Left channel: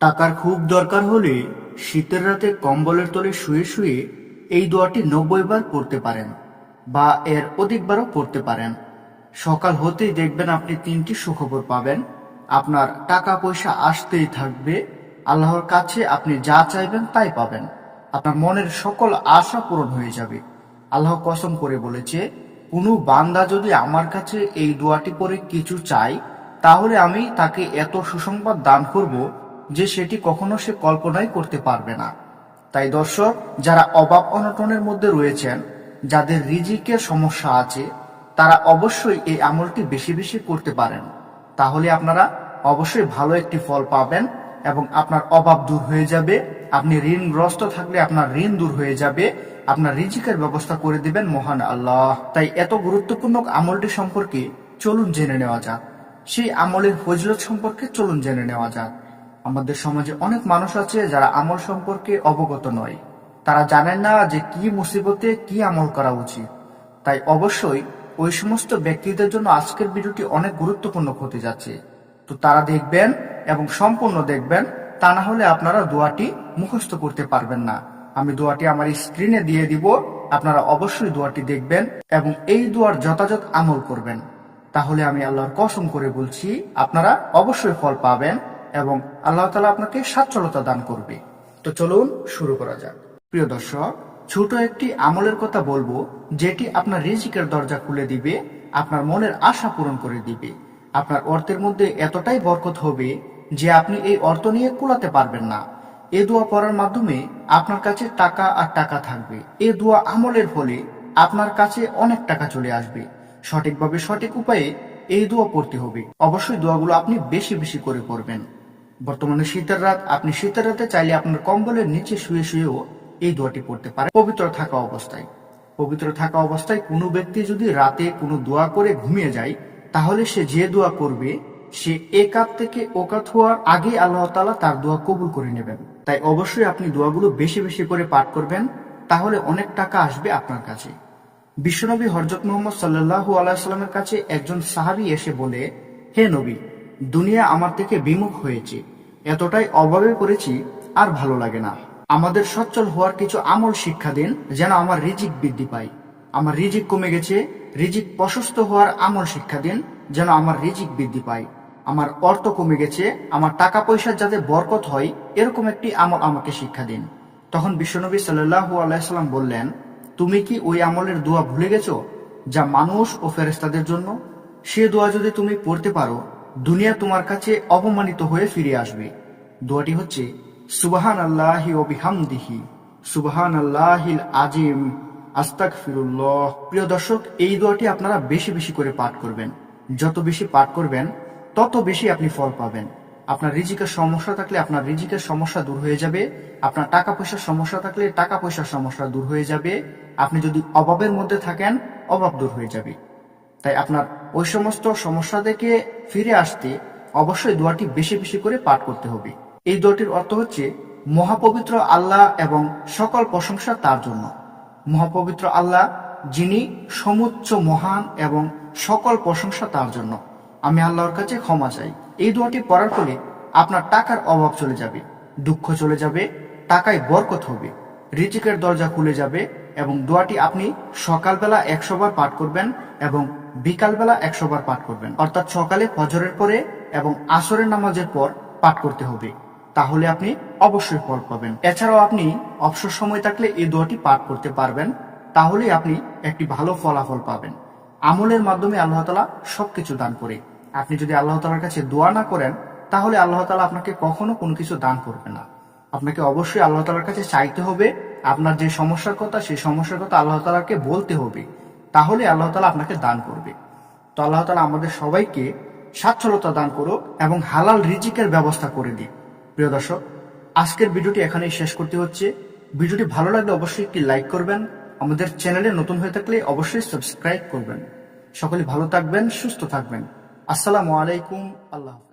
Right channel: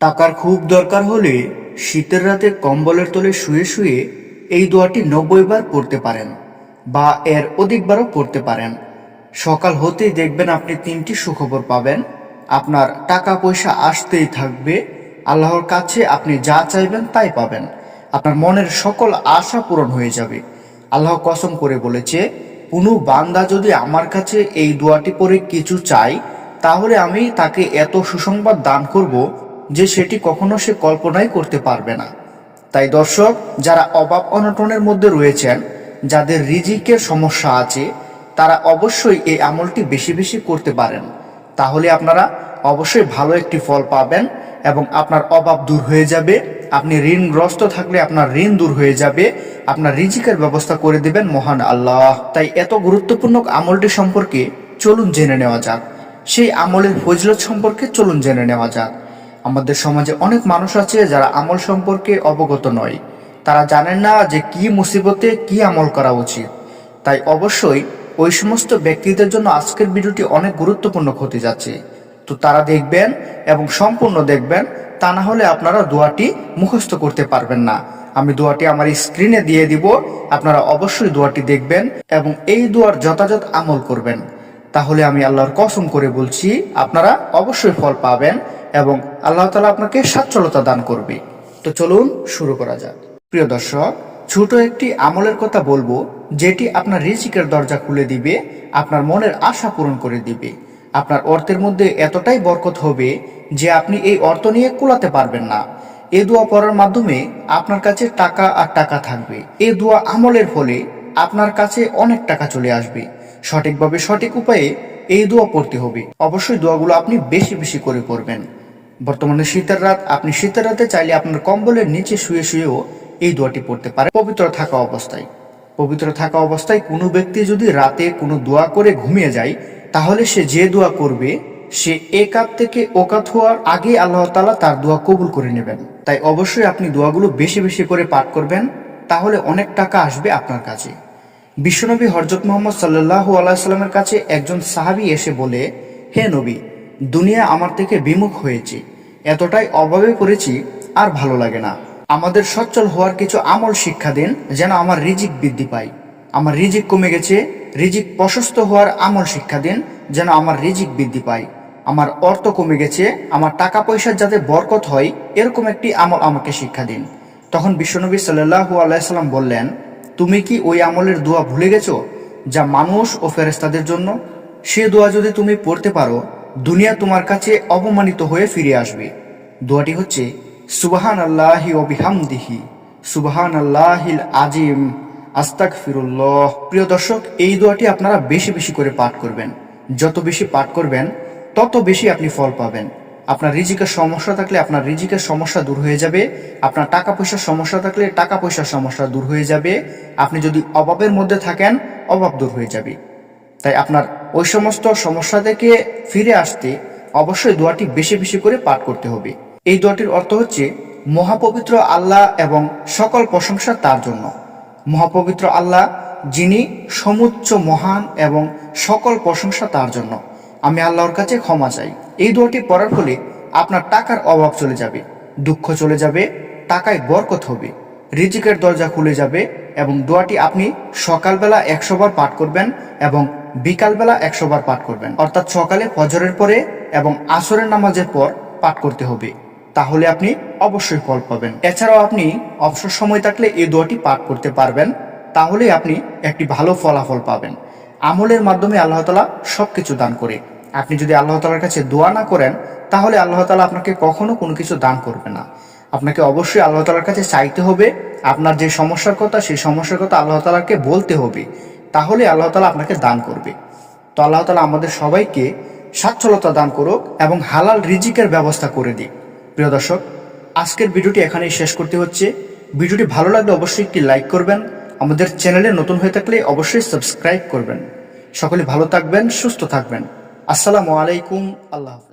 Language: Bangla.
টাকার খুব দরকার হলে শীতের রাতে কম্বলের তলে শুয়ে শুয়ে এই দোয়াটি 90 বার পড়তে পারেন বা এর অধিকবারও পড়তে পারেন। সকাল হতেই দেখবেন আপনি 3টি সুখবর পাবেন। আপনার টাকা পয়সা আসতেই থাকবে। আল্লাহর কাছে আপনি যা চাইবেন তাই পাবেন। আপনার মনের সকল আশা পূরণ হয়ে যাবে। আল্লাহ কসম করে বলেছে, কোনো বান্দা যদি আমার কাছে এই দোয়াটি পড়ে কিছু চায়, তাহলে আমি তাকে এত সুসংবাদ দান করব যে সেটি কখনো সে কল্পনাই করতে পারবে না। তাই দর্শক, যারা অভাব অনটনের মধ্যে রয়েছেন, যাদের রিজিকের সমস্যা আছে, তারা অবশ্যই এই আমলটি বেশি বেশি করতে পারেন। তাহলে আপনারা অবশ্যই ভালো একটি ফল পাবেন এবং আপনার অভাব দূর হয়ে যাবে। আপনি ঋণগ্রস্ত থাকলে আপনার ঋণ দূর হয়ে যাবে। আপনার রিজিকের ব্যবস্থা করে দেবেন মহান আল্লাহ। তাই এত গুরুত্বপূর্ণ আমলটি সম্পর্কে চলুন জেনে নেওয়া যাক। সেই আমলের ফজিলত সম্পর্কে চলুন জেনে নেওয়া যাক। আমাদের সমাজে অনেক মানুষ আছে যারা আমল সম্পর্কে অবগত নয়। তারা জানেন না যে কি মুসিবতে কি আমল করা উচিত। তাই অবশ্যই ওই সমস্ত ব্যক্তিদের জন্য আজকের ভিডিওটি অনেক গুরুত্বপূর্ণ হতে যাচ্ছে। তো তারা দেখবেন এবং সম্পূর্ণ দেখবেন, তা না হলে আপনারা দোয়াটি মুখস্থ করতে পারবেন না। আমি দোয়াটি আমার স্ক্রিনে দিয়ে দিব, আপনারা অবশ্যই দোয়াটি দেখবেন এবং এই দোয়ার যথাযথ আমল করবেন। তাহলে আমি আল্লাহর কসম করে বলছি, আপনারা অবশ্যই ফল পাবেন এবং আল্লাহ তাআলা আপনাকে সচ্ছলতা দান করবে। তো চলুন শুরু করা যাক। প্রিয় দর্শক, ছোট একটি আমলের কথা বলবো, যেটি আপনার রিজিকের দরজা খুলে দিবে, আপনার মনের আশা পূরণ করে দিবে। আপনার অর্থের মধ্যে এতটাই বরকত হবে যে আপনি এই অর্থ নিয়ে কুলাতে পারবেন না। এই দোয়া পড়ার মাধ্যমে আপনার কাছে টাকা আর টাকা থাকবে। এই দোয়া আমলের ফলে আপনার কাছে অনেক টাকা চলে আসবে। সঠিকভাবে সঠিক উপায়ে এই দোয়া পড়তে হবে। অবশ্যই দোয়াগুলো আপনি বেশি বেশি করে পড়বেন। বর্তমানে শীতের রাত, আপনি শীতের রাতে চাইলে আপনার কম্বলের নিচে শুয়ে শুয়েও এই দোয়াটি পড়তে পারে। পবিত্র থাকা অবস্থায় কোনো ব্যক্তি যদি রাতে কোনো দোয়া করে ঘুমিয়ে যায়, তাহলে সে যে দোয়া করবে, সে একাত থেকে ওকাত হওয়ার আগে আল্লাহ তাআলা তার দোয়া কবুল করে নেবেন। তাই অবশ্যই আপনি দোয়াগুলো বেশি বেশি করে পাঠ করবেন, তাহলে অনেক টাকা আসবে আপনার কাছে। বিশ্বনবী হযরত মুহাম্মদ সাল্লাল্লাহু আলাইহি সাল্লামের কাছে একজন সাহাবী এসে বলে, হে নবী, দুনিয়া আমার থেকে বিমুখ হয়েছে, এতটাই অভাবে পড়েছি, আর ভালো লাগে না। আমাদের সচ্ছল হওয়ার কিছু আমল শিক্ষা দিন, যেন আমার রিজিক বৃদ্ধি পায়। আমার রিজিক কমে গেছে, রিজিক প্রশস্ত হওয়ার আমল শিক্ষা দিন, যেন আমার রিজিক বৃদ্ধি পায়। আমার অর্থ কমে গেছে, আমার টাকা পয়সার যাতে বরকত হয়, এরকম একটি আমল আমাকে শিক্ষা দিন। তখন বিশ্বনবী সাল্লাল্লাহু আলাইহি সাল্লাম বললেন, তুমি কি ওই আমলের দোয়া ভুলে গেছো যা মানুষ ও ফেরেশতাদের জন্য? সে দোয়া যদি তুমি পড়তে পারো, দুনিয়া তোমার কাছে অপমানিত হয়ে ফিরে আসবে। দোয়াটি হচ্ছে, সুবহানাল্লাহি ওয়া বিহামদিহি, সুবহানাল্লাহিল আজিম, আস্তাগফিরুল্লাহ। প্রিয় দর্শক, এই দোয়াটি আপনারা বেশি বেশি করে পাঠ করবেন। যত বেশি পাঠ করবেন, তত বেশি আপনি ফল পাবেন। আপনার রিজিকের সমস্যা থাকলে আপনার রিজিকের সমস্যা দূর হয়ে যাবে। আপনার টাকা পয়সার সমস্যা থাকলে টাকা পয়সার সমস্যা দূর হয়ে যাবে। আপনি যদি অভাবের মধ্যে থাকেন, অভাব দূর হয়ে যাবে। তাই আপনার ওই সমস্ত সমস্যা থেকে ফিরে আসতে অবশ্যই দোয়াটি বেশি বেশি করে পাঠ করতে হবে। এই দোয়াটির অর্থ হচ্ছে, মহাপবিত্র আল্লাহ এবং সকল প্রশংসা তার জন্য। মহাপবিত্র আল্লাহ, যিনি সমুচ্চ মহান এবং সকল প্রশংসা তার জন্য। আমি আল্লাহর কাছে ক্ষমা চাই। এই দোয়াটি পড়ার ফলে আপনার টাকার অভাব চলে যাবে, দুঃখ চলে যাবে, টাকায় বরকত হবে, রিজিকের দরজা খুলে যাবে। এবং দোয়াটি আপনি সকালবেলা 100 বার পাঠ করবেন এবং বিকালবেলা 100 বার পাঠ করবেন। অর্থাৎ সকালে ফজরের পরে এবং আসরের নামাজের পর পাঠ করতে হবে। তাহলে আপনি অবশ্যই ফল পাবেন। এছাড়াও আপনি অবসর সময় থাকলে এই দোয়াটি পাঠ করতে পারবেন, তাহলে আপনি একটি ভালো ফলাফল পাবেন। আমলের মাধ্যমে আল্লাহ তাআলা সবকিছু দান করে। আপনি যদি আল্লাহ তাআলার কাছে দোয়া না করেন, তাহলে আল্লাহ তাআলা আপনাকে কখনো কোনো কিছু দান করবে না। আপনাকে অবশ্যই আল্লাহ তাআলার কাছে চাইতে হবে। আপনার যে সমস্যার কথা, সেই সমস্যার কথা আল্লাহ তাআলাকে বলতে হবে, তাহলে আল্লাহ তাআলা আপনাকে দান করবে। তো আল্লাহ তাআলা আমাদের সবাইকে সচ্ছলতা দান করুক এবং হালাল রিজিকের ব্যবস্থা করে দিক। প্রিয় দর্শক, আজকের ভিডিওটি এখানেই শেষ করতে হচ্ছে। ভিডিওটি ভালো লাগলে অবশ্যই একটি লাইক করবেন। আমাদের চ্যানেলে নতুন হয়ে থাকলে অবশ্যই সাবস্ক্রাইব করবেন। সকলে ভালো থাকবেন, সুস্থ থাকবেন। আসসালামু আলাইকুম। আল্লাহ হাফেজ।